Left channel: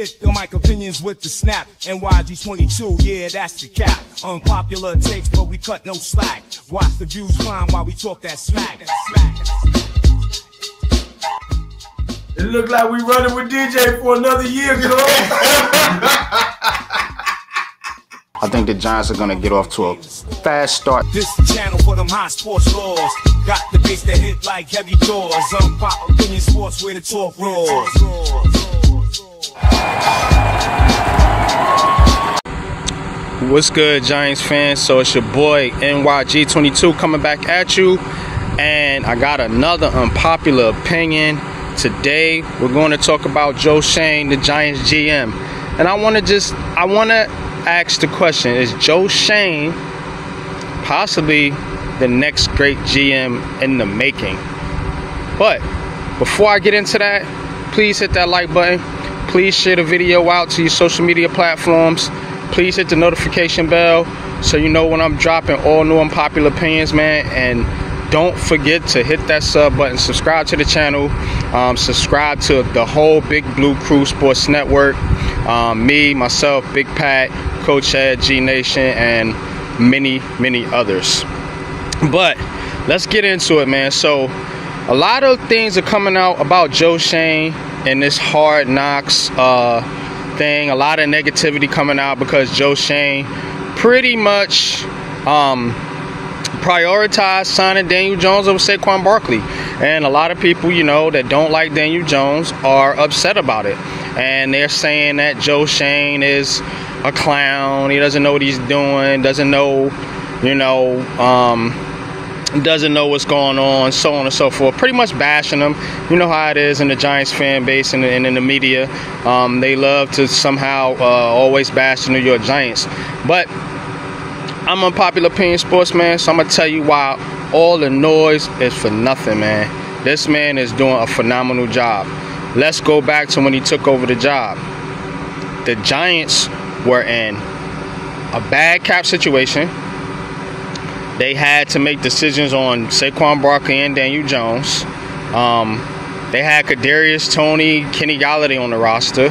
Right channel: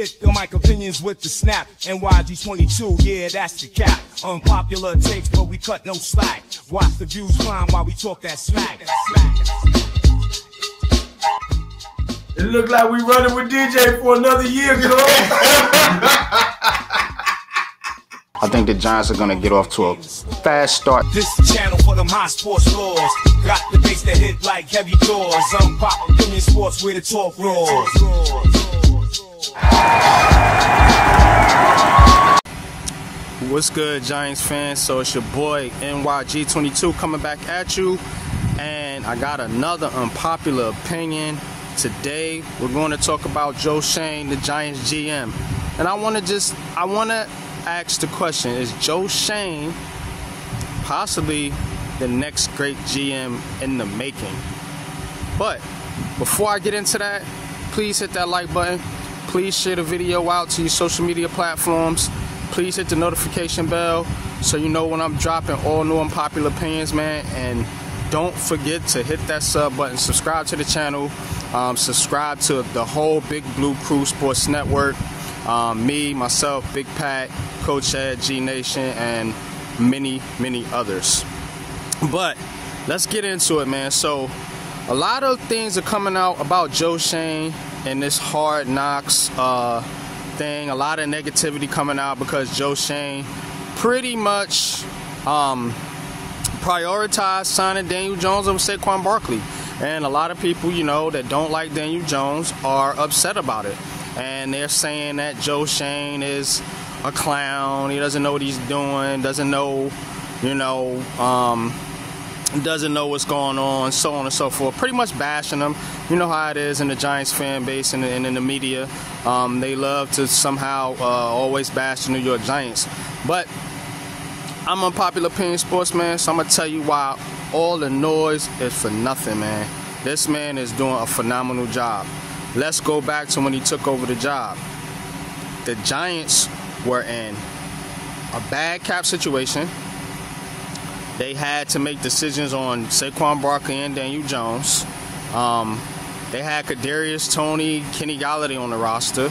Hit the mic opinions with the snap. NYG 22, yeah, that's the cap. Unpopular takes, but we cut no slack. Watch the views climb while we talk that smack. It look like we running with DJ for another year, girl. I think the Giants are going to get off to a fast start. This channel for them high sports laws. Got the bass that hit like heavy doors. Pop opinion sports where the talk roars. What's good, Giants fans? So it's your boy NYG22 coming back at you, and I got another unpopular opinion. Today we're going to talk about Joe Schoen, the Giants GM, and I want to ask the question: is Joe Schoen possibly the next great GM in the making? But before I get into that, please hit that like button. Please share the video out to your social media platforms. Please hit the notification bell so you know when I'm dropping all new unpopular opinions, man. And don't forget to hit that sub button. Subscribe to the channel. Subscribe to the whole Big Blue Crew Sports Network. Me, myself, Big Pat, Coach Ed, G Nation, and many, many others. But let's get into it, man. So a lot of things are coming out about Joe Schoen and this Hard Knocks thing. A lot of negativity coming out because Joe Schoen pretty much prioritized signing Daniel Jones over Saquon Barkley. And a lot of people, you know, that don't like Daniel Jones are upset about it. And they're saying that Joe Schoen is a clown. He doesn't know what he's doing, doesn't know, doesn't know what's going on, so on and so forth. Pretty much bashing him. You know how it is in the Giants fan base and in the media. They love to somehow always bash the New York Giants. But I'm Unpopular Opinion Sportsman, so I'm going to tell you why all the noise is for nothing, man. This man is doing a phenomenal job. Let's go back to when he took over the job. The Giants were in a bad cap situation. They had to make decisions on Saquon Barkley and Daniel Jones. They had Kadarius Toney, Kenny Golladay on the roster.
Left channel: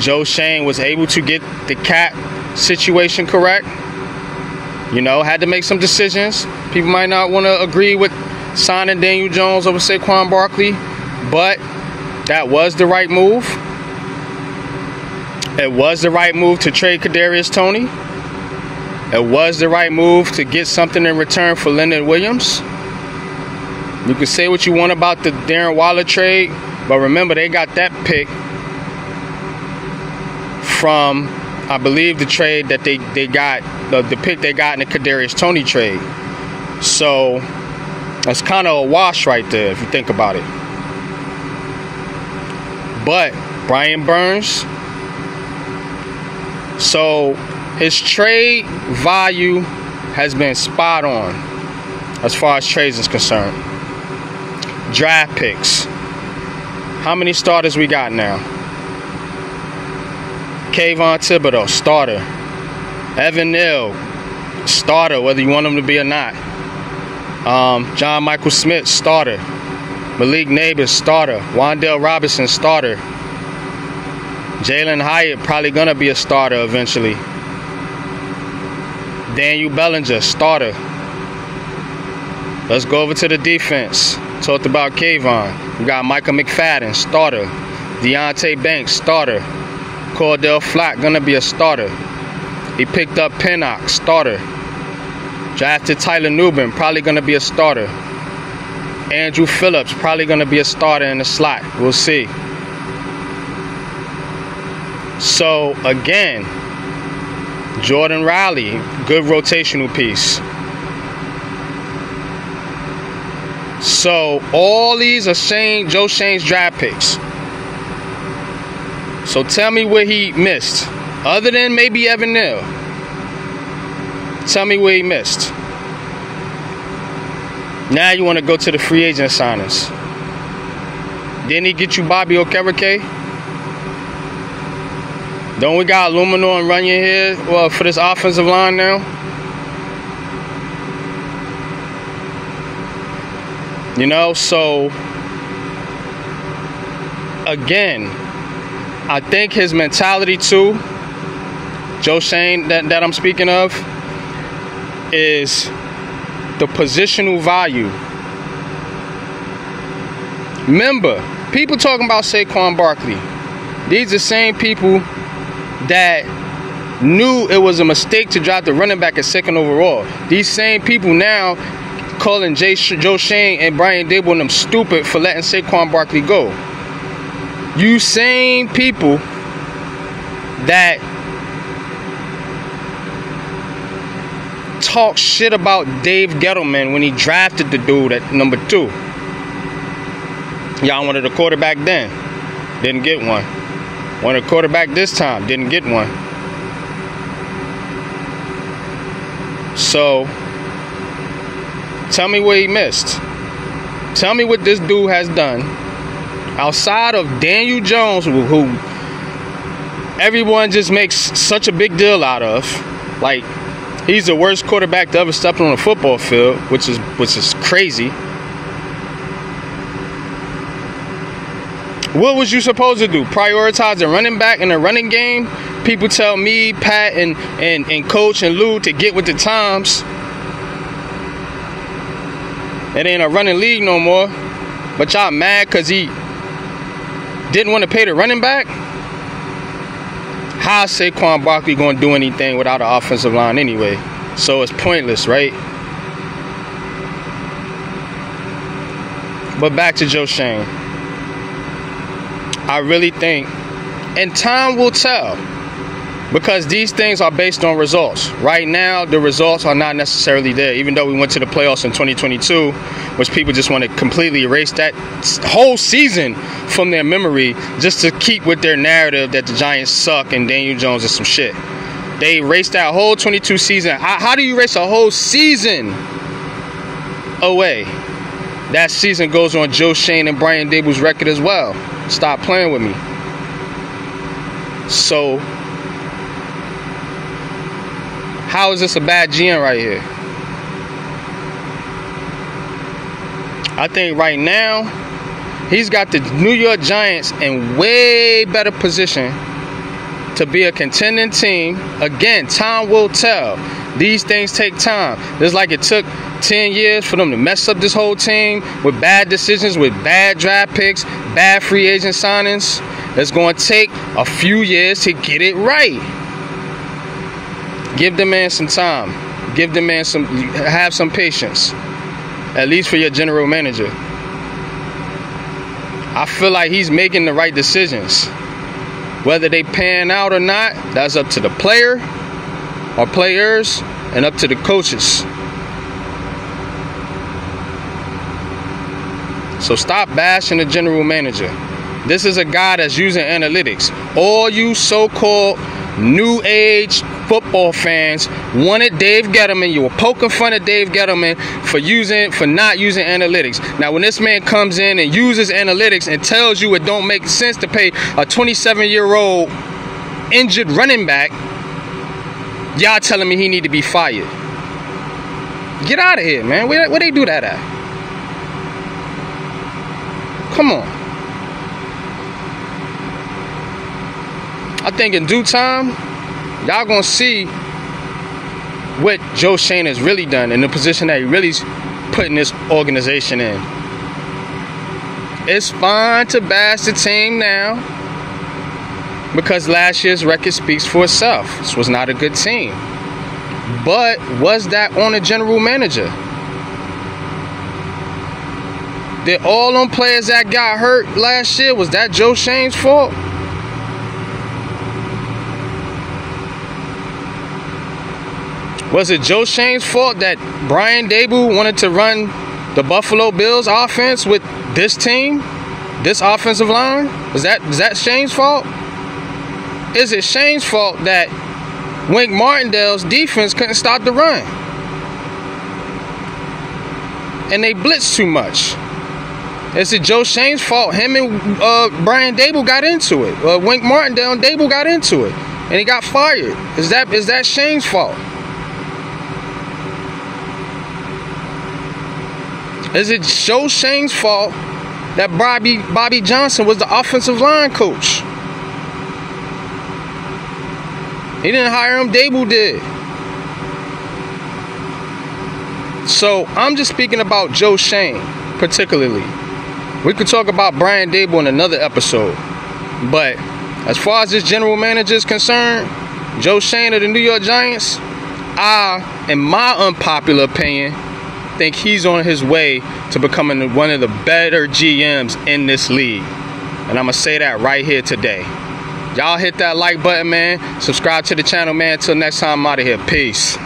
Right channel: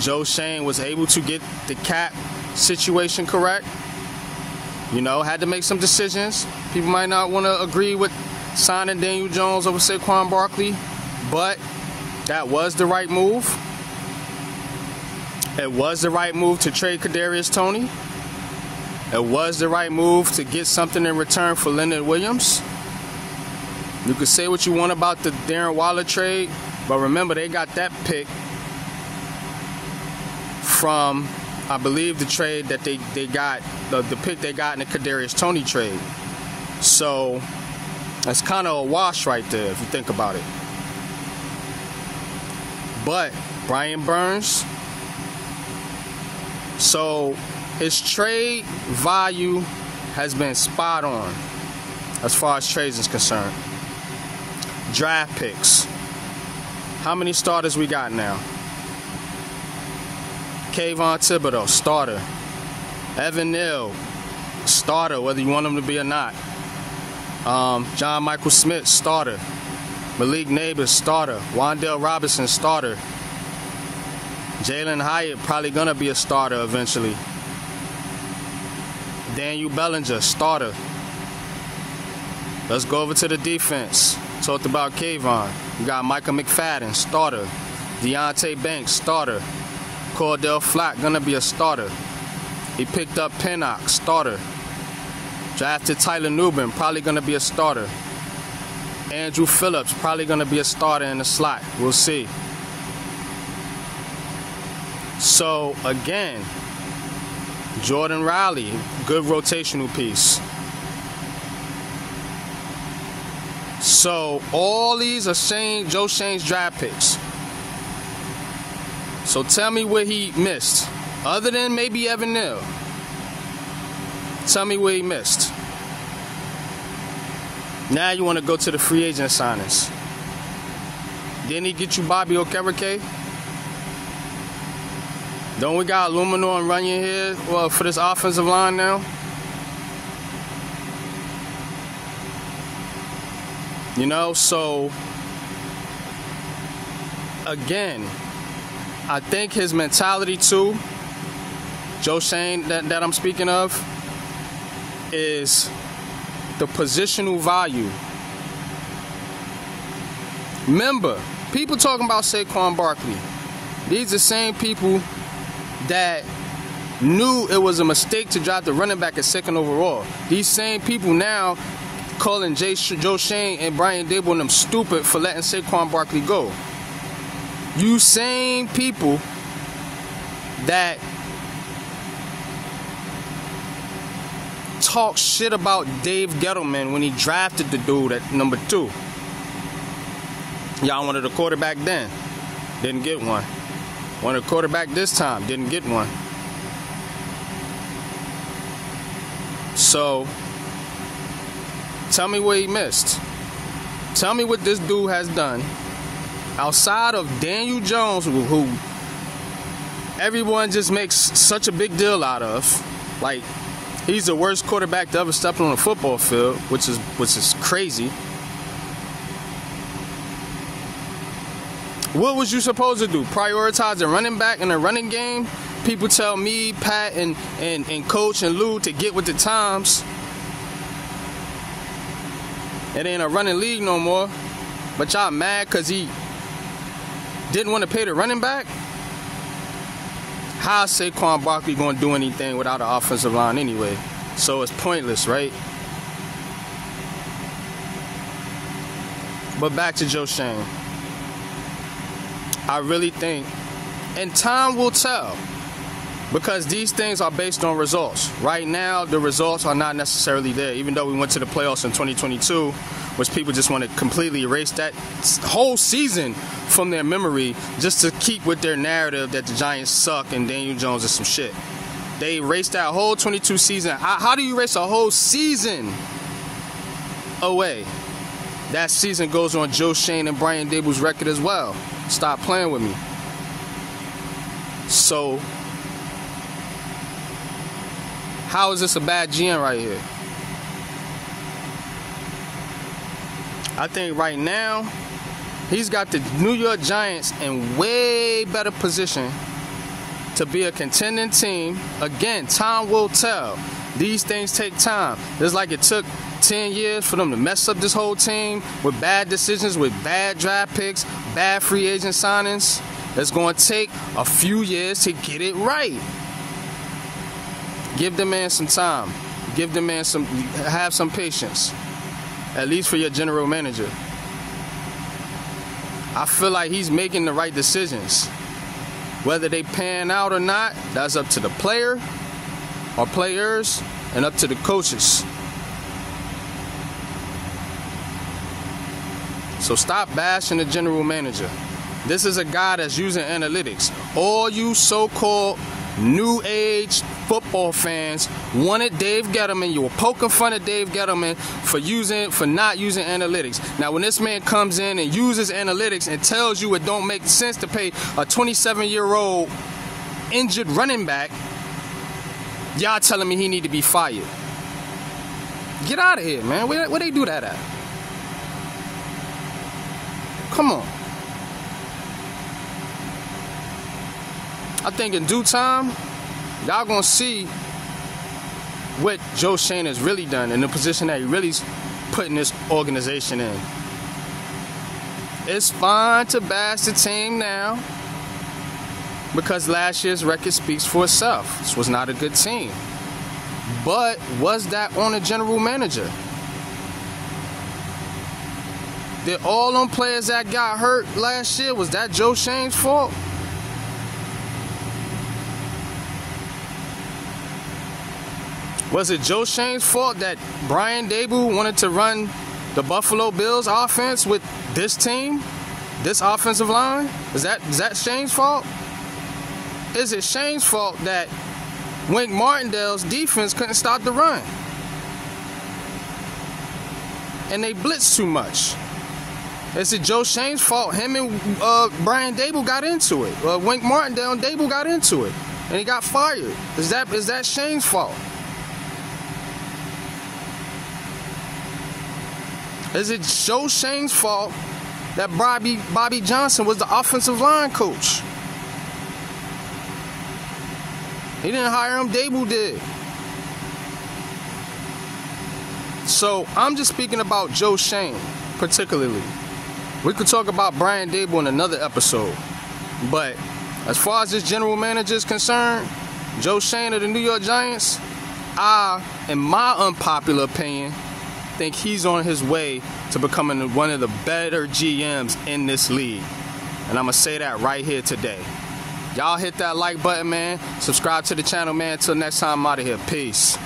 Joe Schoen was able to get the cap situation correct. Had to make some decisions. People might not want to agree with signing Daniel Jones over Saquon Barkley, but that was the right move. It was the right move to trade Kadarius Toney. It was the right move to get something in return for Leonard Williams. You can say what you want about the Darren Waller trade, but remember they got that pick from, I believe, the trade that they got, the pick they got in the Kadarius Toney trade. So that's kind of a wash right there if you think about it. But Brian Burns, so his trade value has been spot on as far as trades is concerned. Draft picks. How many starters we got now? Kayvon Thibodeau, starter. Evan Neal, starter, whether you want him to be or not. John Michael Smith, starter. Malik Neighbors, starter. Wan'Dale Robinson, starter. Jalen Hyatt, probably going to be a starter eventually. Daniel Bellinger, starter. Let's go over to the defense. Talked about Kayvon. We got Micah McFadden, starter. Deontay Banks, starter. Cordell Flack, gonna be a starter. He picked up Pinnock, starter. Drafted Tyler Nubin, probably gonna be a starter. Andrew Phillips, probably gonna be a starter in the slot. We'll see. So again, Jordan Riley, good rotational piece. So all these are Joe Schoen's draft picks. So tell me where he missed. Other than maybe Evan Neal. Tell me where he missed. Now you want to go to the free agent signings. Didn't he get you Bobby Okereke? Don't we got Luminor and Runyon here for this offensive line now? So again, I think his mentality too, Joe Schoen that I'm speaking of, is the positional value. Remember, people talking about Saquon Barkley. These are the same people that knew it was a mistake to draft the running back at 2nd overall. These same people now calling Joe Schoen and Brian Daboll and them stupid for letting Saquon Barkley go. You same people that talk shit about Dave Gettleman when he drafted the dude at number 2. Y'all wanted a quarterback then, didn't get one. Wanted a quarterback this time, didn't get one. So, tell me what he missed. Tell me what this dude has done outside of Daniel Jones, who everyone just makes such a big deal out of. Like, he's the worst quarterback to ever step on a football field, which is crazy. What was you supposed to do? Prioritize the running back in the running game? People tell me, Pat, and Coach and Lou to get with the times. It ain't a running league no more. But y'all mad because he didn't want to pay the running back? How's Saquon Barkley going to do anything without an offensive line anyway? So it's pointless, right? But back to Joe Schoen. I really think, and time will tell, because these things are based on results. Right now, the results are not necessarily there, even though we went to the playoffs in 2022, which people just want to completely erase that whole season from their memory just to keep with their narrative that the Giants suck and Daniel Jones is some shit. They erased that whole 22 season. How do you erase a whole season away? That season goes on Joe Schoen and Brian Daboll's record as well. Stop playing with me. So, how is this a bad GM right here? I think right now, he's got the New York Giants in way better position to be a contending team. Again, time will tell. These things take time. Just like it took 10 years for them to mess up this whole team with bad decisions, with bad draft picks, bad free agent signings. It's going to take a few years to get it right. Give the man some time. Give the man have some patience. At least for your general manager. I feel like he's making the right decisions. Whether they pan out or not, that's up to the player or players and up to the coaches. So stop bashing the general manager. This is a guy that's using analytics. All you so-called new age football fans wanted Dave Gettleman. You were poking fun at Dave Gettleman for not using analytics. Now, when this man comes in and uses analytics and tells you it don't make sense to pay a 27-year-old injured running back, y'all telling me he need to be fired. Get out of here, man. Where they do that at? Come on. I think in due time, y'all gonna see what Joe Schoen has really done and the position that he really's putting this organization in. It's fine to bash the team now because last year's record speaks for itself. This was not a good team. But was that on the general manager? Did all them players that got hurt last year, was that Joe Schoen's fault? Was it Joe Schoen's fault that Brian Daboll wanted to run the Buffalo Bills offense with this team, this offensive line? Is that Schoen's fault? Is it Schoen's fault that Wink Martindale's defense couldn't stop the run? And they blitzed too much. Is it Joe Schoen's fault? Him and Brian Daboll got into it. Wink Martindale and Daboll got into it, and he got fired. Is that Schoen's fault? Is it Joe Schoen's fault that Bobby Johnson was the offensive line coach. He didn't hire him, Dable did. So I'm just speaking about Joe Schoen particularly. We could talk about Brian Dable in another episode. But as far as this general manager is concerned, Joe Schoen of the New York Giants, I, in my unpopular opinion, think he's on his way to becoming one of the better GMs in this league. And I'm going to say that right here today. Y'all hit that like button, man. Subscribe to the channel, man. Until next time, I'm out of here. Peace.